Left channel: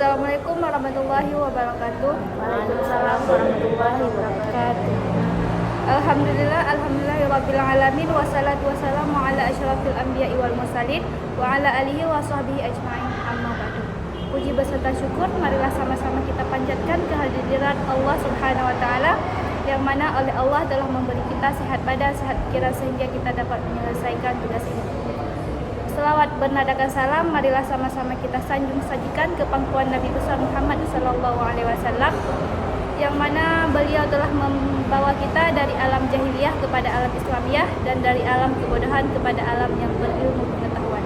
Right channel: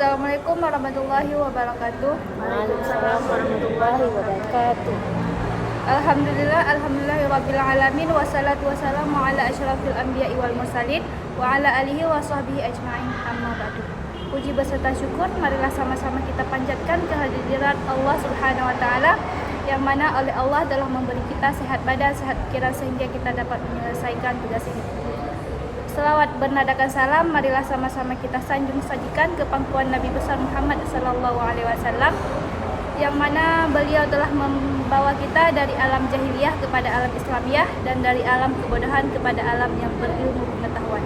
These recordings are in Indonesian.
Assalamualaikum warahmatullahi wabarakatuh. Waalaikumsalam warahmatullahi wabarakatuh. Alhamdulillahirabbil alamin wassalatu wassalamu ala asyrafil anbiya'i wal mursalin wa ala alihi wa sahbihi ajmain. Amma ba'du. Puji beserta syukur marilah sama-sama kita panjatkan kehadiran Allah Subhanahu wa taala yang mana oleh Allah telah memberi kita sehat badan, sehat pikiran sehingga kita dapat menyelesaikan tugas ini. Selawat bernadakan salam, marilah sama-sama kita sanjung sajikan ke pangkuan Nabi besar Muhammad sallallahu alaihi wasallam yang mana beliau telah membawa kita dari alam jahiliyah kepada alam Islamiyah dan dari alam kebodohan kepada alam yang berilmu pengetahuan.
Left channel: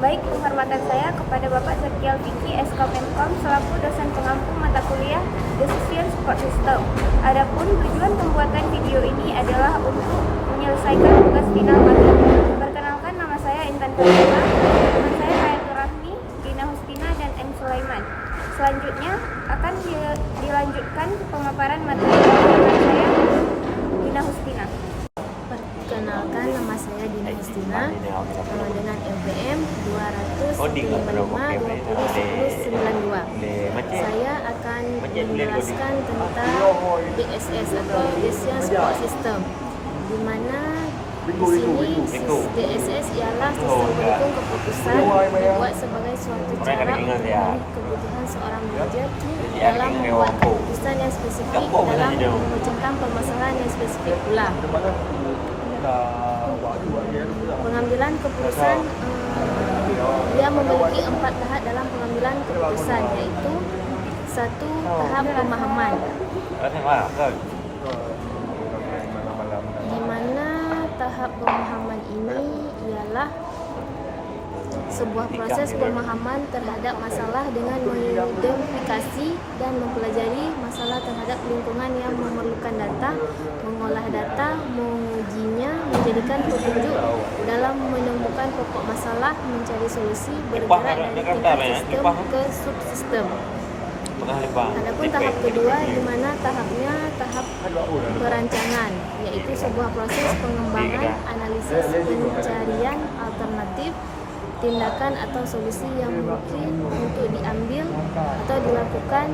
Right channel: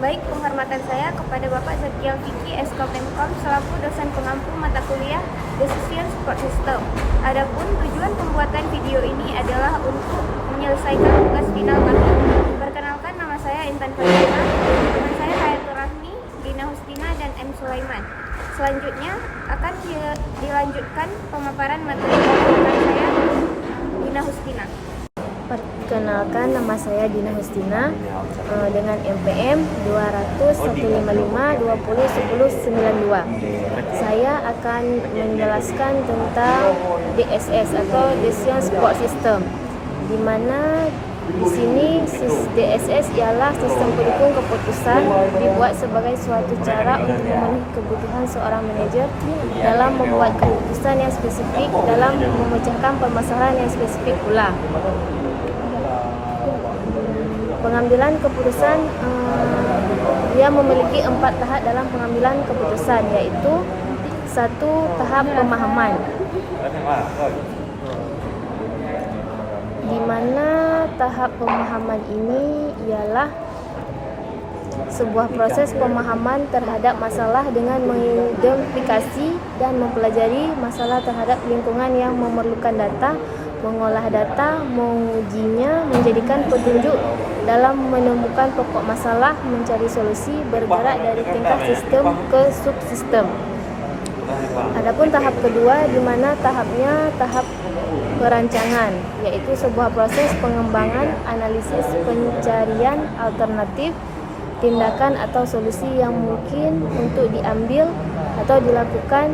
Baik, penghormatan saya kepada Bapak Zakial Fikri SK Menkom selaku dosen pengampu mata kuliah Decision Support System. Adapun tujuan pembuatan video ini adalah untuk menyelesaikan tugas final kami. Perkenalkan, nama saya Intan Karima, teman saya Hayatul Rahmi, Dina Hustina, dan M. Sulaiman. Selanjutnya akan dilanjutkan pemaparan materi dari teman saya Dina Hustina. Perkenalkan, nama saya Dina Hustina dengan MPM 200-155-20-10-92. Saya akan menjelaskan tentang DSS atau Decision Support System, di mana di sini DSS ialah sistem pendukung keputusan, dibuat sebagai suatu cara untuk memenuhi kebutuhan seorang manajer dalam membuat keputusan yang spesifik dalam memecahkan permasalahan yang spesifik pula. Pengambilan keputusan, dia memiliki 4 tahap dalam pengambilan keputusan, yaitu 1. Tahap pemahaman, di mana tahap pemahaman ini ialah sebuah proses pemahaman terhadap masalah dengan mengidentifikasi dan mempelajari masalah terhadap lingkungan yang memerlukan data, mengolah data, mengujinya, menjadikan petunjuk dalam menemukan pokok masalah, mencari solusi, bergerak dari tingkat sistem ke subsistem. Adapun tahap kedua, di mana tahapnya tahap perancangan, yaitu sebuah proses pengembangan, analisis, pencarian alternatif, tindakan atau solusi yang mungkin untuk diambil atau dilakukan,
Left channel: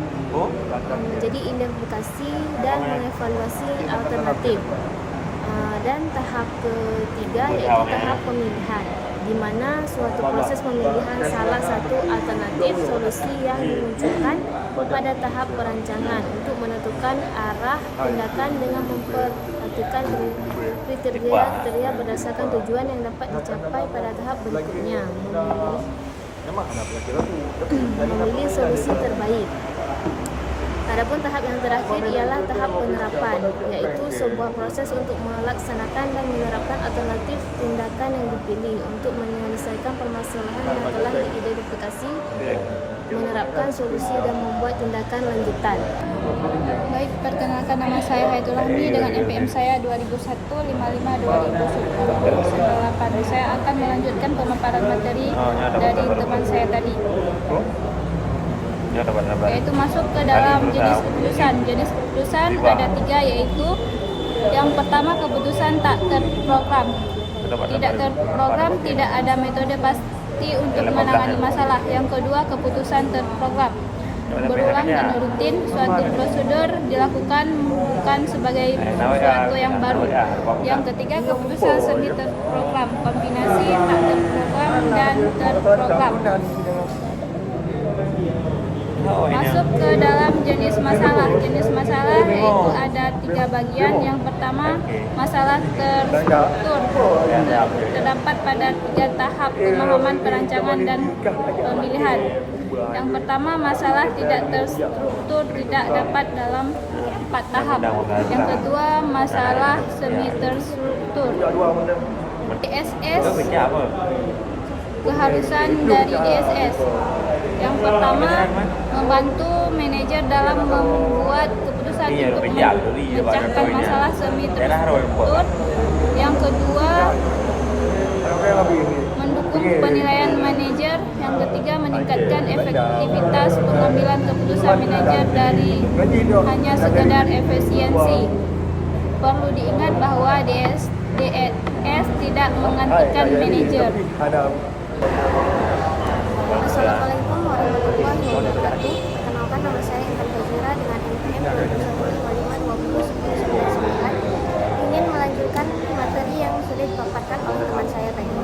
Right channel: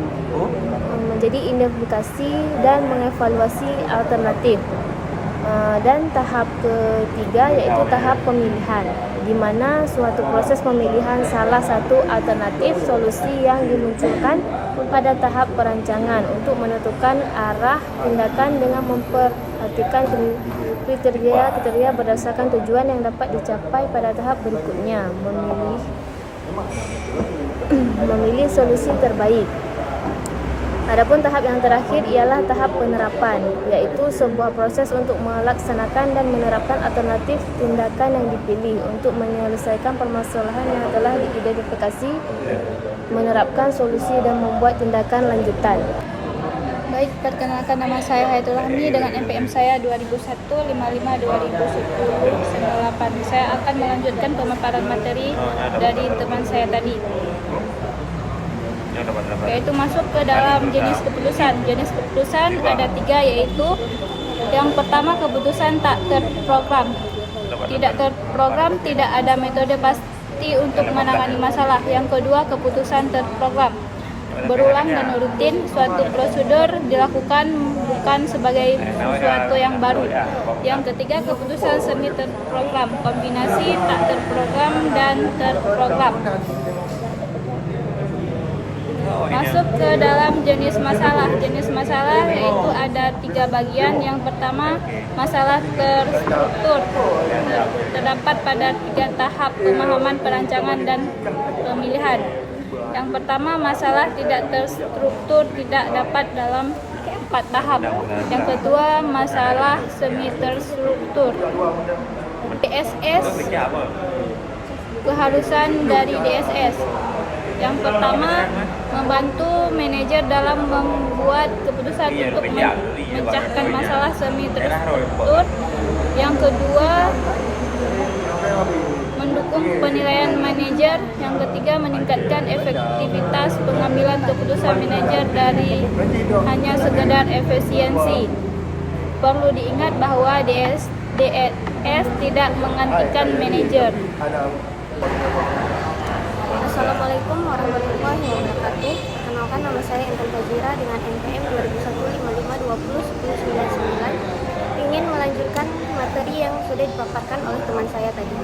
menjadi identifikasi dan mengevaluasi alternatif. Dan tahap ketiga yaitu tahap pemilihan, di mana suatu proses pemilihan salah satu alternatif solusi yang dimunculkan pada tahap perancangan untuk menentukan arah tindakan dengan memperhatikan kriteria berdasarkan tujuan yang dapat dicapai pada tahap berikutnya, memilih solusi terbaik. Adapun tahap yang terakhir ialah tahap penerapan, yaitu sebuah proses untuk melaksanakan dan menerapkan alternatif tindakan yang dipilih untuk menyelesaikan permasalahan yang telah diidentifikasi, menerapkan solusi dan membuat tindakan lanjutan. Baik, perkenalkan, nama saya Hayatul Rahmi dengan MPM saya 2001-55-2010-98. Saya akan melanjutkan pemaparan materi dari teman saya tadi, yaitu masuk ke dalam jenis keputusan. Jenis keputusan ada 3, yaitu yang pertama keputusan tak terprogram. Tidak terprogram, tidak ada metode pasti untuk menangani masalah. Yang kedua keputusan terprogram, berulang dan rutin, suatu prosedur dilakukan bukan sebagai sesuatu yang baru. Yang ketiga keputusan semi terprogram, kombinasi tak terprogram dan terprogram. Masuk ke dalam jenis masalah. Jenis masalah yaitu ada 3 bagian. Yang pertama masalah terstruktur, terdapat pada 3 tahap pemahaman, perancangan, dan pemilihan. Yang pertama masalah tidak terstruktur, tidak dapat dalam 4 tahap. Yang kedua masalah semi terstruktur. DSS, keharusan dari DSS. Yang pertama, membantu manajer dalam membuat keputusan untuk memecahkan masalah semi terstruktur. Yang kedua, mendukung penilaian manajer. Yang ketiga, meningkatkan efektivitas pengambilan keputusan manajer dari hanya sekedar efisiensi. Perlu diingat bahwa DSS tidak menggantikan manajer. Assalamualaikum warahmatullahi wabarakatuh. Perkenalkan, nama saya Intan Fajira dengan NPM 2015-2020-1099. Ingin melanjutkan materi yang sudah dipaparkan oleh teman saya tadi.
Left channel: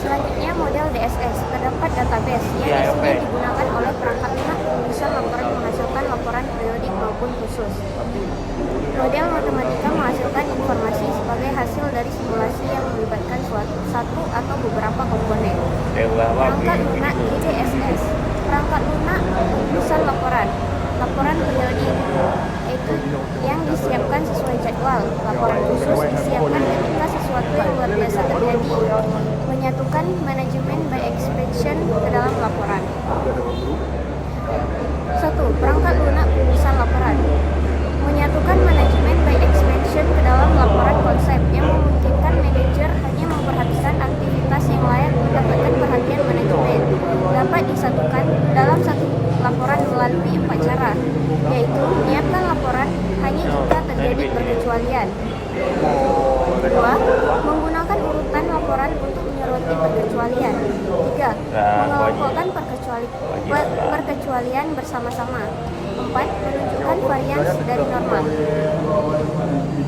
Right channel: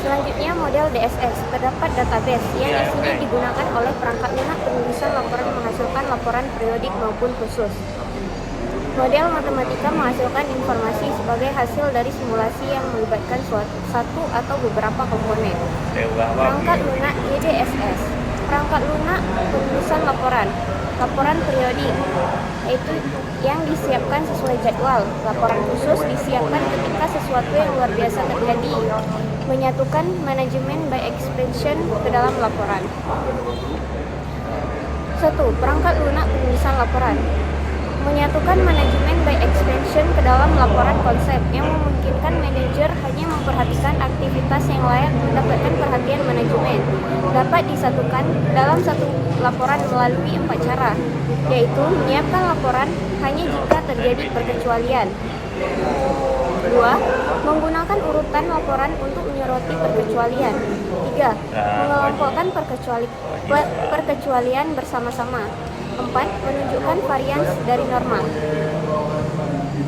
Selanjutnya, model DSS. Terdapat database yang isinya digunakan oleh perangkat lunak penulisan laporan menghasilkan laporan periodik maupun khusus. Model matematika menghasilkan informasi sebagai hasil dari simulasi yang melibatkan satu atau beberapa komponen. Perangkat lunak GDSS. Perangkat lunak penulisan laporan periodik, yaitu yang disiapkan sesuai jadwal. Laporan khusus disiapkan ketika sesuatu yang luar biasa terjadi, menyatukan manajemen by expansion ke dalam laporan. 1. Perangkat lunak penulisan laporan menyatukan manajemen by expansion ke dalam laporan konsep yang memungkinkan manajer hanya memperhatikan aktivitas yang layak mendapatkan perhatian manajemen. Dapat disatukan dalam satu laporan melalui 4 cara, yaitu menyiapkan laporan hanya jika terjadi perkecualian. 2. Menggunakan urutan laporan untuk menyoroti perkecualian. 3. Mengelompokkan perkecualian bersama-sama. 4. Menunjukkan varians dari normal.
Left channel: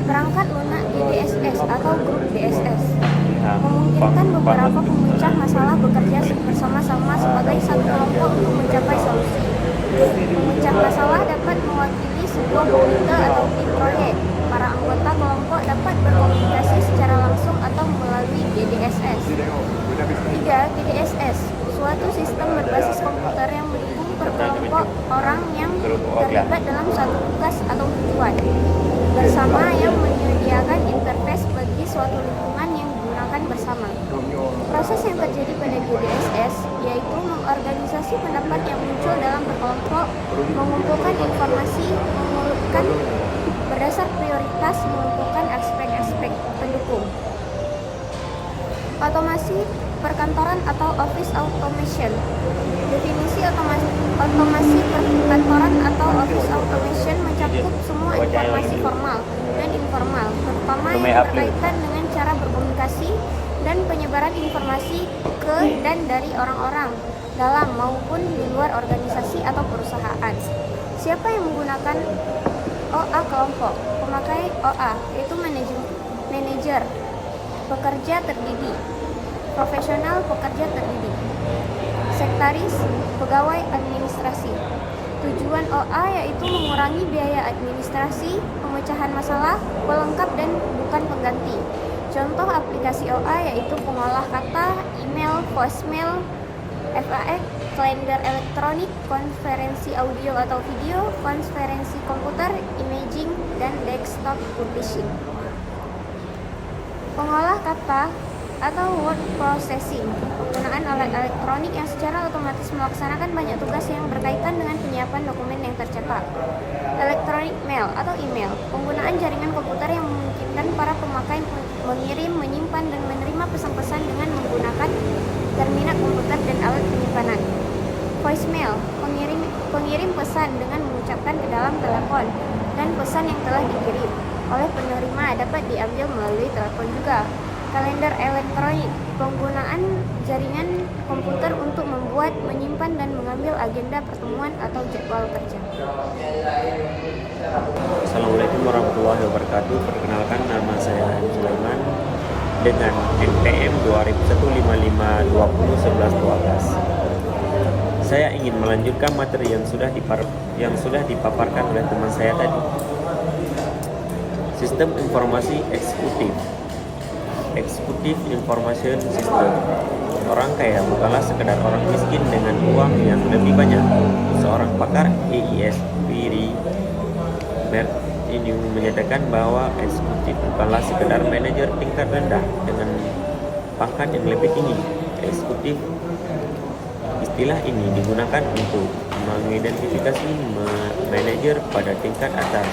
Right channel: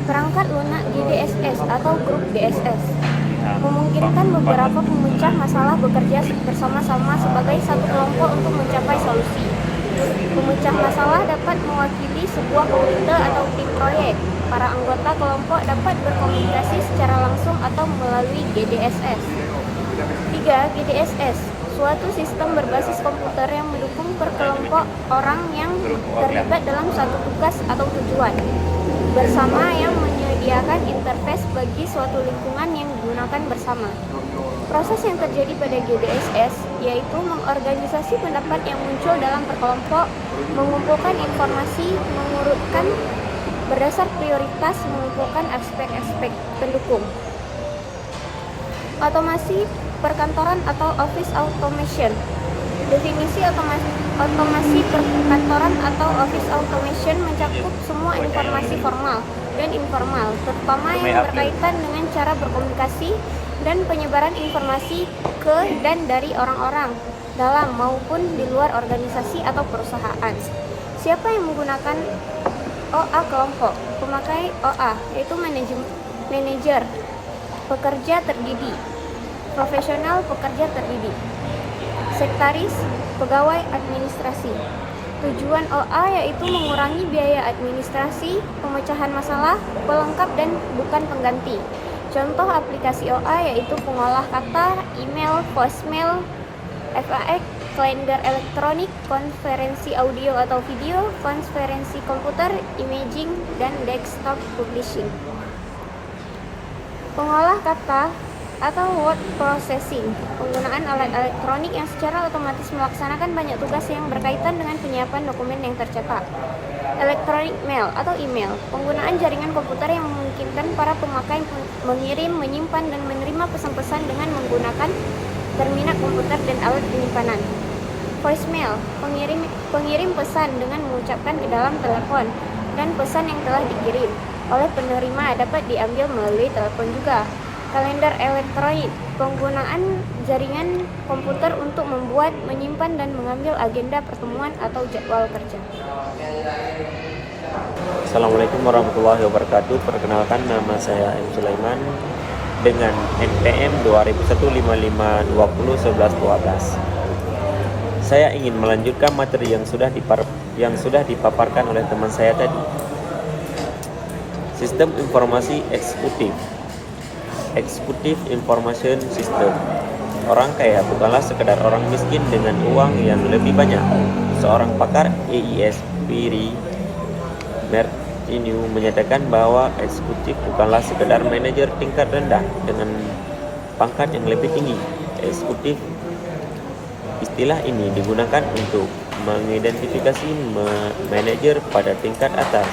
Perangkat lunak GDSS atau grup DSS memungkinkan beberapa pemecah masalah bekerja bersama-sama sebagai satu kelompok untuk mencapai solusi. Pemecah masalah dapat mewakili sebuah komite atau tim proyek. Para anggota kelompok dapat berkomunikasi secara langsung atau melalui GDSS. 3. GDSS, suatu sistem berbasis komputer yang mendukung perkelompok orang yang terlibat dalam satu tugas atau tujuan bersama yang menyediakan interface bagi suatu lingkungan yang digunakan bersama. Proses yang terjadi pada GDSS yaitu mengorganisasi pendapat yang muncul dalam perkelompok, mengumpulkan informasi, mengurutkan berdasar prioritas, mengumpulkan aspek-aspek pendukung. Otomasi perkantoran atau office automation. Definisi otomasi perkantoran atau office automation mencakup semua informasi formal dan informal, terutama yang berkaitan dengan cara berkomunikasi dan penyebaran informasi ke dan dari orang-orang dalam maupun di luar organisasi atau perusahaan. Siapa yang menggunakan OA kelompok? Pemakai OA yaitu manajer, pekerja terdidik, profesional pekerja terdidik, sekretaris, pegawai administrasi. Tujuan OA yaitu mengurangi biaya administrasi, pemecahan masalah, pelengkap dan bukan pengganti. Contoh aplikasi OA yaitu pengolah kata, email, voicemail, FAQ, kalender elektronik, konferensi audio atau video, konferensi komputer, imaging, dan desktop publishing. Pengolah kata atau word processing, penggunaan alat elektronik yang secara otomatis melaksanakan banyak tugas yang berkaitan dengan penyiapan dokumen yang tercetak. Electronic mail atau email, penggunaan jaringan komputer yang memungkinkan para pemakai mengirim, menyimpan, dan menerima pesan-pesan dengan menggunakan terminal komputer dan alat penyimpanan. Voicemail, pengirim pesan dengan mengucapkan ke dalam telepon, dan pesan yang telah dikirim oleh penerima dapat diambil melalui telepon juga. Kalender elektronik, penggunaan jaringan komputer untuk membuat, menyimpan, dan mengambil agenda pertemuan atau jadwal kerja. Assalamualaikum warahmatullahi wabarakatuh. Perkenalkan, nama saya M. Sulaiman dengan NPM 200155201112. Saya ingin melanjutkan materi yang sudah dipaparkan oleh teman saya tadi. Sistem informasi eksekutif. Executive Information System. Orang kaya bukanlah sekedar orang miskin dengan uang yang lebih banyak. Seorang pakar EIS, Piri Martinu, menyatakan bahwa eksekutif bukanlah sekedar manajer tingkat rendah dengan pangkat yang lebih tinggi. Eksekutif, istilah ini digunakan untuk mengidentifikasi manajer pada tingkat atas.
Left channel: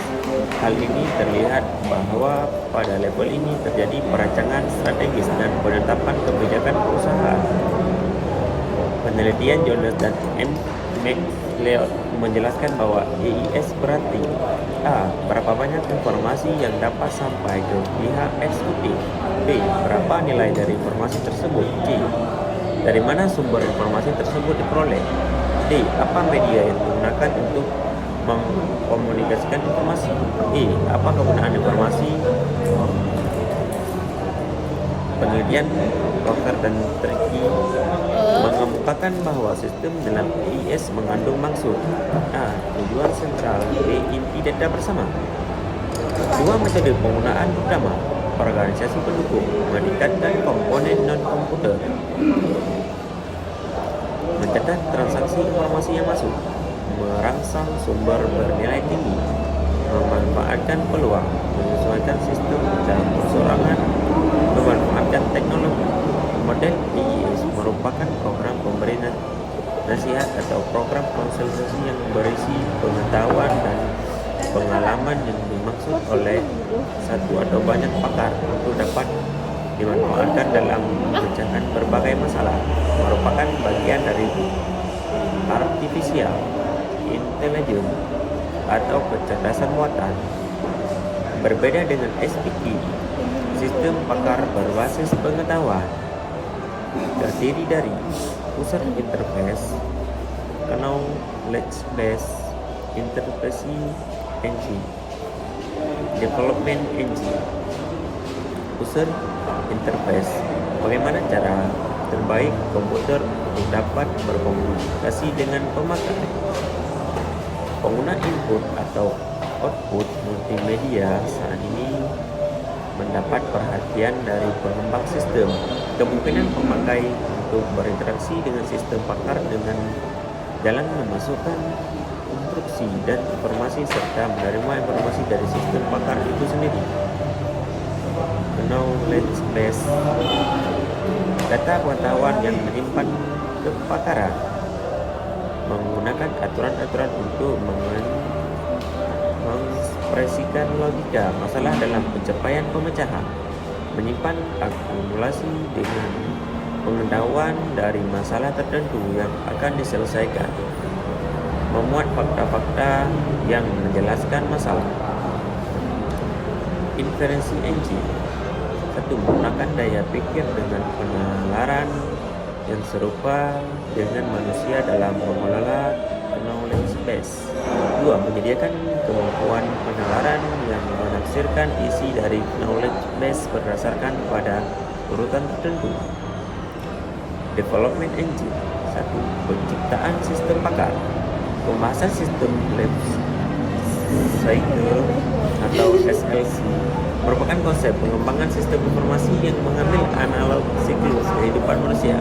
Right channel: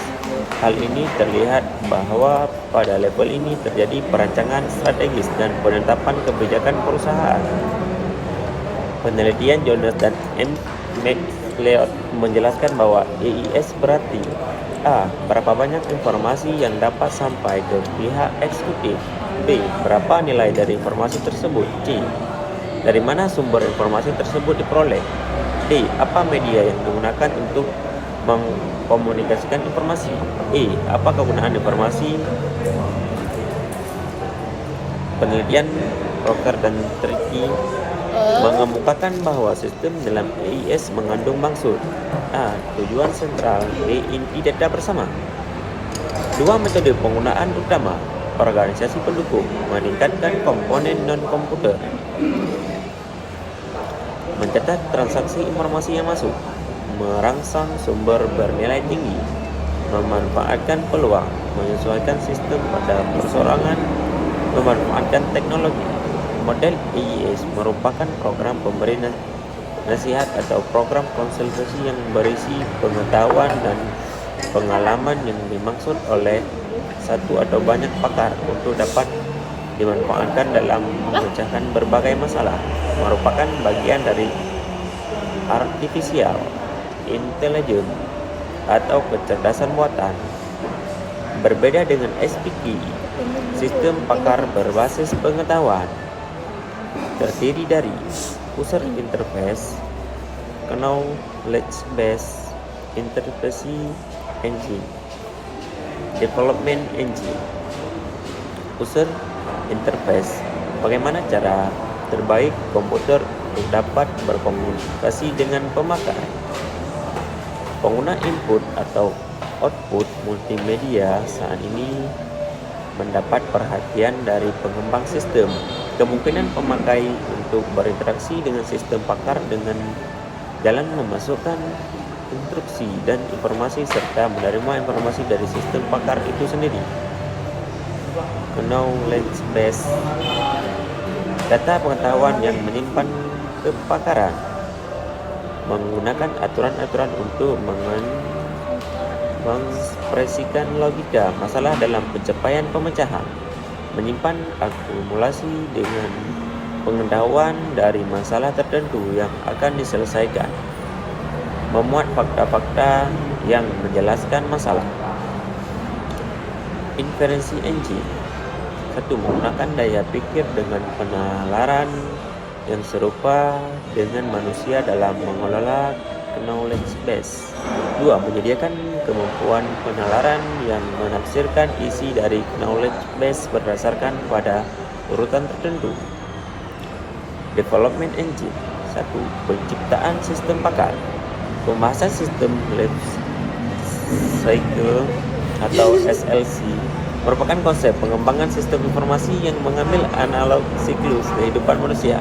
Hal ini terlihat bahwa pada level ini terjadi perancangan strategis dan penetapan kebijakan perusahaan. Penelitian Jones dan M. McLeod menjelaskan bahwa EIS berarti A. Berapa banyak informasi yang dapat sampai ke pihak eksekutif. B. Berapa nilai dari informasi tersebut. C. Dari mana sumber informasi tersebut diperoleh? D. Apa media yang digunakan untuk mengkomunikasikan informasi? E. Apa kegunaan informasi? Penelitian Rocker dan Tricky mengemukakan bahwa sistem dalam AIS mengandung maksud. A. Tujuan sentral. B. Inti data bersama. Dua metode penggunaan utama organisasi pendukung: meningkatkan komponen non-komputer, mencatat transaksi informasi yang masuk, merangsang sumber bernilai tinggi, memanfaatkan peluang, menyesuaikan sistem pada persorangan, memanfaatkan teknologi. Model AIS merupakan program pemberi nasihat atau program konsultasi yang berisi pengetahuan dan pengalaman yang dimaksud oleh satu atau banyak pakar untuk dapat dimanfaatkan dalam memecahkan berbagai masalah. Merupakan bagian dari artificial intelligence atau kecerdasan buatan. Berbeda dengan SPT, sistem pakar berbasis pengetahuan terdiri dari user interface, knowledge base, interpretasi engine, development engine. User interface: bagaimana cara terbaik komputer untuk dapat berkomunikasi dengan pemakai. Pengguna input atau output multimedia saat ini mendapat perhatian dari pengembang sistem. Kemungkinan pemakai untuk berinteraksi dengan sistem pakar dengan jalan memasukkan instruksi dan informasi serta menerima informasi dari sistem pakar itu sendiri. Knowledge base: data pengetahuan yang menyimpan kepakaran, menggunakan aturan-aturan untuk mengekspresikan logika masalah dalam pencapaian pemecahan, menyimpan akumulasi dengan pengetahuan dari masalah tertentu yang akan diselesaikan, memuat fakta-fakta yang menjelaskan masalah. Inferensi engine: satu, menggunakan daya pikir dengan penalaran yang serupa dengan manusia dalam mengelola knowledge base. 2. Menyediakan kemampuan penalaran yang menafsirkan isi dari knowledge base berdasarkan pada urutan tertentu. Development engine: 1. Penciptaan sistem pakar. Pembahasan sistem life cycle atau SLC merupakan konsep pengembangan sistem informasi yang mengambil analog siklus kehidupan manusia:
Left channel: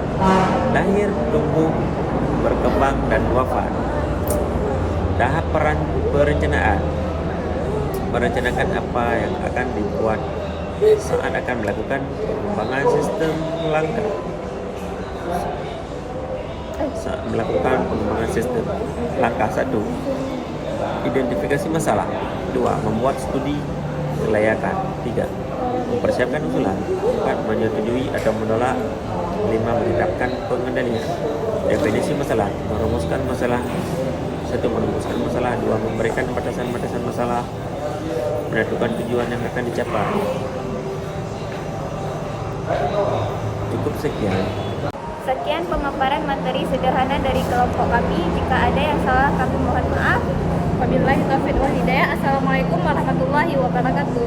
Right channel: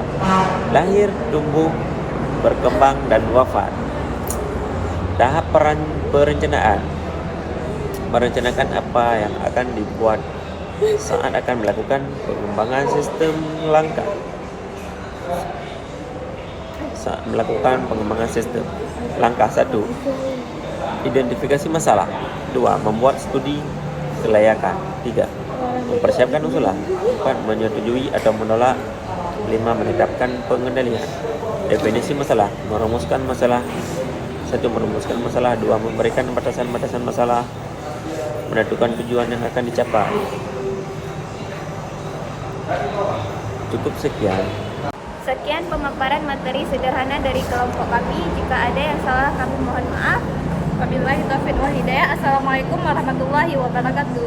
lahir, tumbuh, berkembang, dan wafat. Tahap perencanaan: merencanakan apa yang akan dibuat saat akan melakukan pengembangan sistem langkah. Saat melakukan pengembangan sistem langkah: 1. Identifikasi masalah. 2. Membuat studi kelayakan. 3. Mempersiapkan usulan. 4. Menyetujui atau menolak. 5. Menetapkan pengendalian. Definisi masalah: merumuskan masalah. 1. Merumuskan masalah. 2. Memberikan batasan-batasan masalah. Menentukan tujuan yang akan dicapai. Cukup sekian. Sekian pemaparan materi sederhana dari kelompok kami. Jika ada yang salah, kami mohon maaf. Wabillahi taufiq wal hidayah. Assalamualaikum warahmatullahi wabarakatuh.